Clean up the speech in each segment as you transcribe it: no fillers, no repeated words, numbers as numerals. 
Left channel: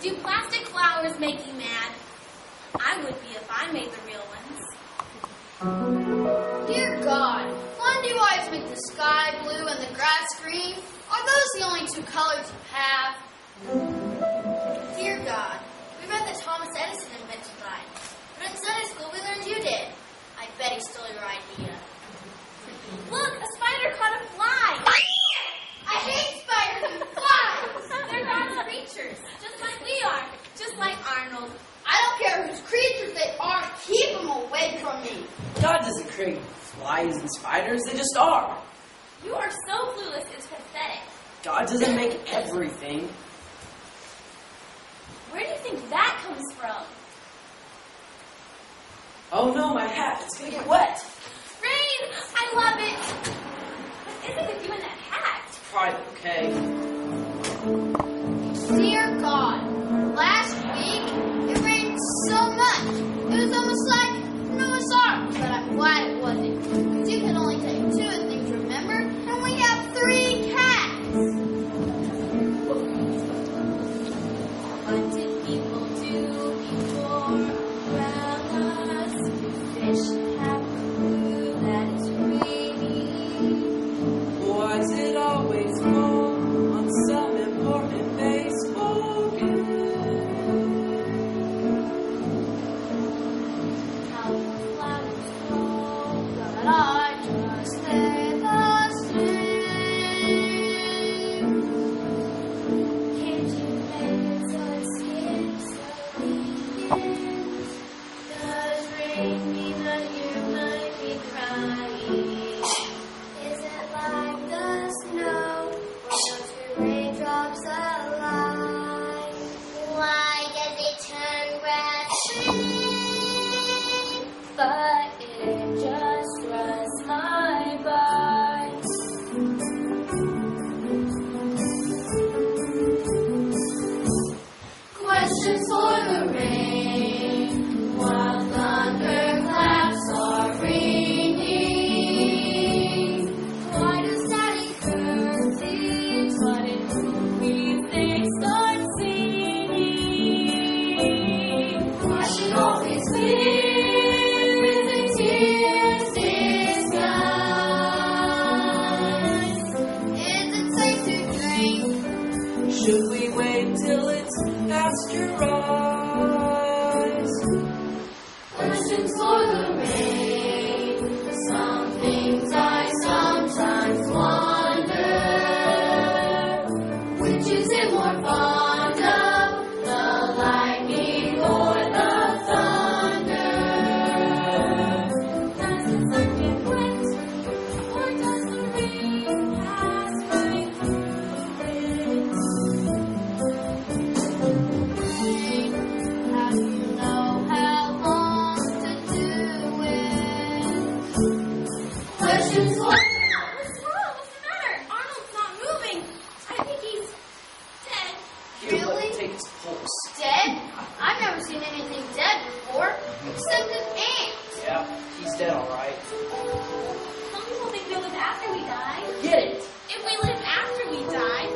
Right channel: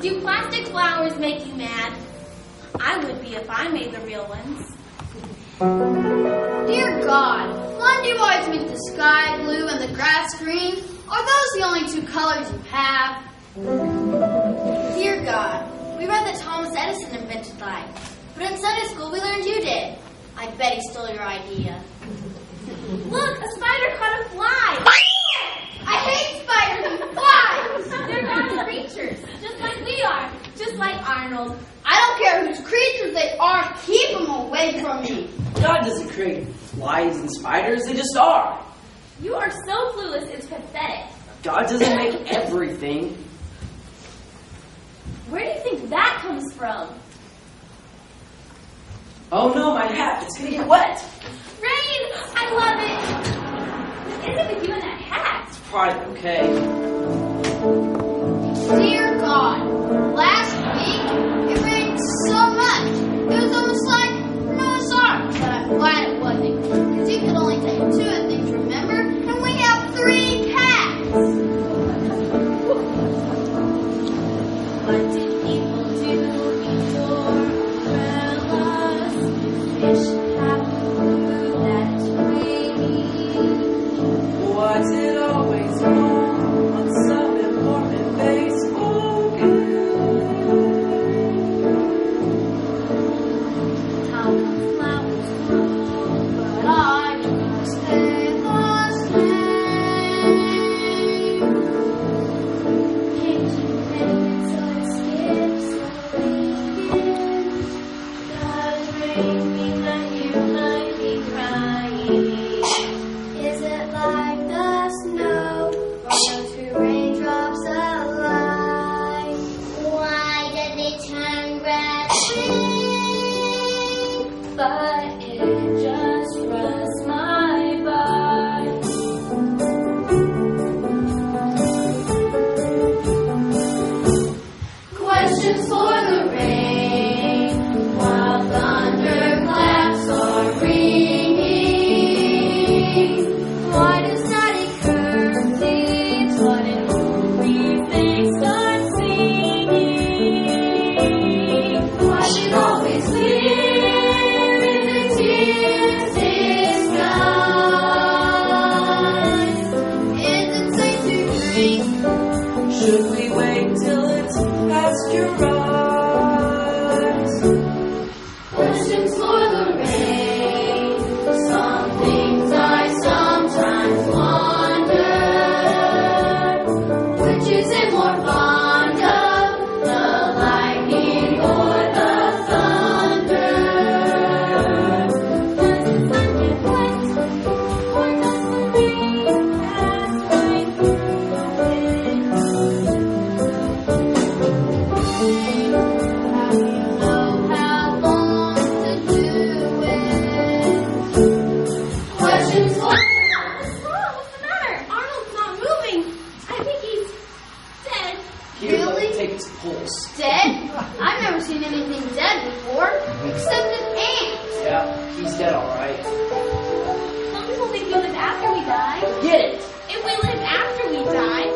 Do plastic flowers make you mad? I would be if I made the real ones. Dear God, why do you always make the sky blue and the grass green? Are those the only two colors you have? Dear God, we read that Thomas Edison invented light, but in Sunday school we learned you did. I bet he stole your idea. Look, a spider caught a fly. I hate spiders and flies! They're God's creatures, just like we are, just like Arnold. I don't care whose creatures they are, keep them away from me. God doesn't create flies and spiders, they just are. You are so clueless, it's pathetic. God doesn't make everything. Where do you think that comes from? Oh no, my hat, it's gonna get wet. Rain! I love it! What is it with you and that hat? It's probably okay. Dear God, last week it rained so much. It was almost like Noah's Ark, but I'm glad it wasn't. Because you could only take 2 of the things, remember? And we have 3 cats. What did people do before umbrellas? Fish have clue that it's raining. Why does it always fall on some important baseball game? How come flowers grow, But I just stay the same. Can't you make it so it skips the weekends? Does rain mean that you might be crying? Is it like the snow, or those 2 raindrops alike? Why does it turn red? But it just runs my bike. Questions for the rain while thunderclaps are ringing. Why does Daddy curfew what in movies they start singing? Why should always clear is a tear's disguise? Is it safe to drink? Should we wait till it's pasteurized? Questions for the rain. Some things I sometimes wonder. Which is it more fond of, the lightning or the thunder? Does the sun get wet, or does the rain pass right through it? How do you know how long to do it? Questions for... What's wrong? What's the matter? Arnold's not moving. I think he's dead. Here, let Really? me take his pulse. Dead? I've never seen anything dead before, except an ant. Yeah, he's dead alright. Some people think we live after we die. Get it! If we live after we die,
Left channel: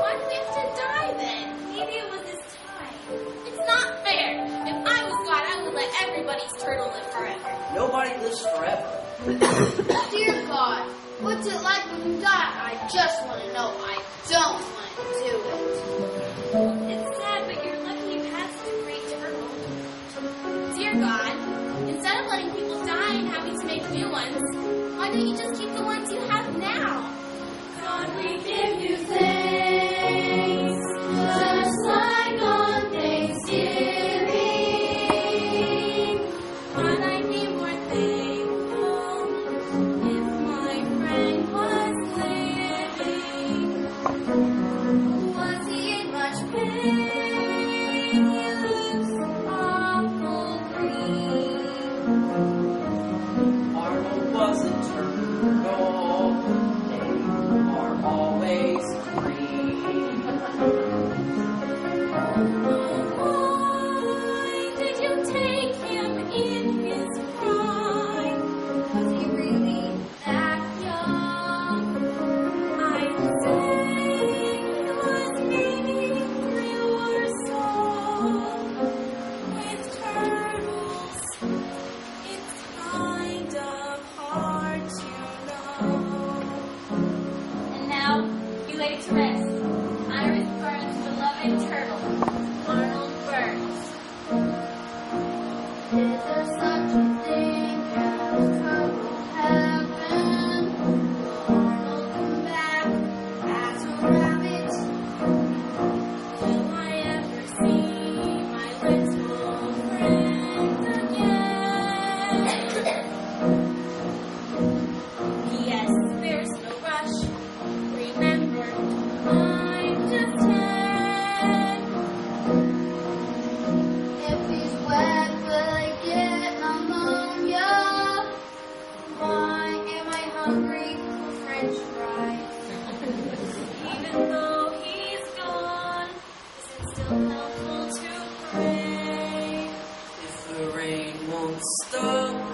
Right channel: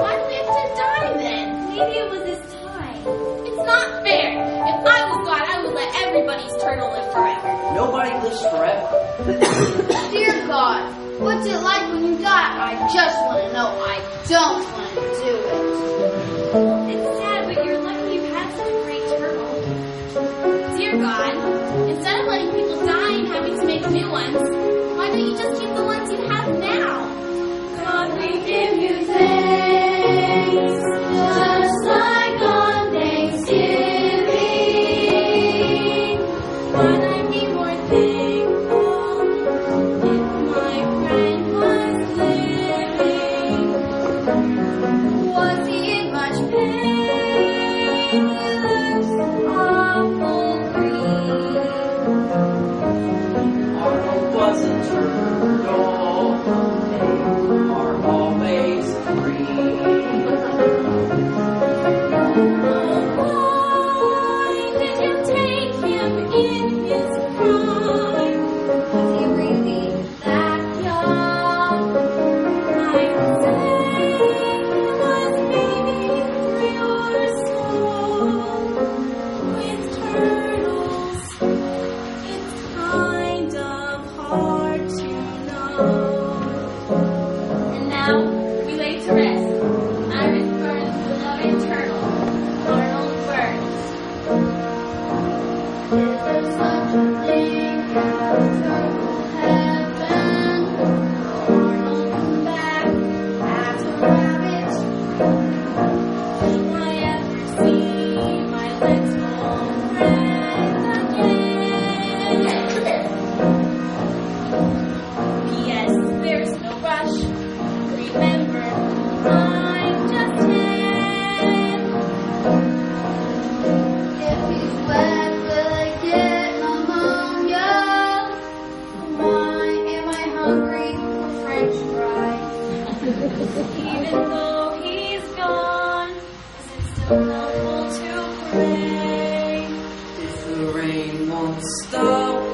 why do we have to die then? Maybe it was his time. It's not fair. If I was God, I would let everybody's turtle live forever. Nobody lives forever. Dear God, what's it like when you die? I just want to know. I don't want to do it. It's sad, but you're lucky you had such a great turtle. Dear God, instead of letting people die and having to make new ones, why don't you just keep the ones you have now? God, we give you thanks, just like on Thanksgiving. But I'd be more thankful if my friend was living. Was he in much pain? He looks awful green. Arnold was a turtle. They are always green. Oh, why did you take him in his prime? Was he really that young? I'd say he was maybe 3 or so. helpful to pray. If the rain won't stop,